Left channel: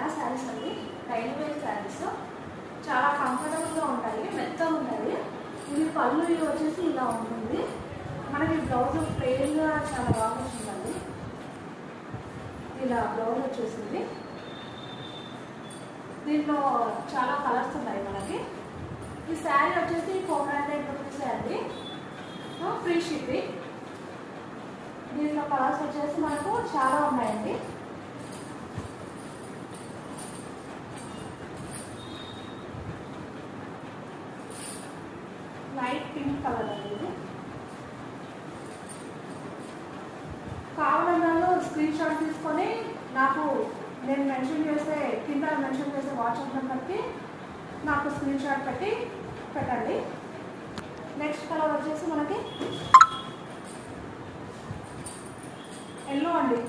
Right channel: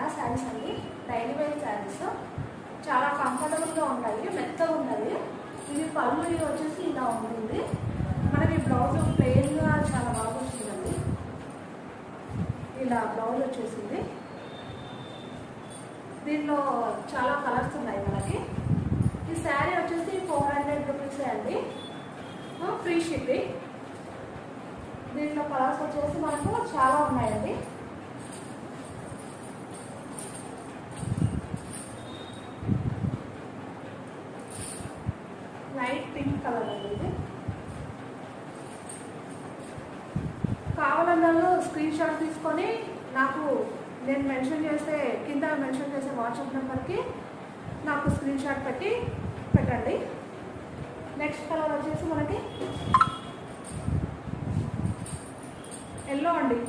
తెలంగాణ శారీస్ అండి, daily wear saris చాలా కంఫర్టబుల్గా ఉంటాయి, మెత్తగా ఉంటుంది. ఇది పళ్ళు వచ్చేసి ఇలా ఉంటుంది. మనకి బ్లౌజ్ ప్లెయిన్గా చాలా బాగా వచ్చిందండి. ఇలా బ్లౌజ్ వచ్చేసింది. దీంట్లో చాలా కలర్స్ ఉన్నాయి మనకి. ఈ శారీ వచ్చేసి 400 రూపీస్ అండి, ఫ్రీ షిప్పింగ్. దీంట్లో కలర్స్ వచ్చేసి మనకు చాలా ఉన్నాయండి. లైట్ పింక్ కలర్ అండి ఇది. కావాలన్నా స్క్రీన్ షాట్ తీసుకొని నాకు నేను మెన్షన్ చేసే కింద మెన్షన్ చేసే వాట్సాప్ నెంబర్కి నాకు స్క్రీన్ షాట్ పెట్టి పెట్టండి. నెక్స్ట్ కలర్ వచ్చేసి మనకి ఎల్లో అండి.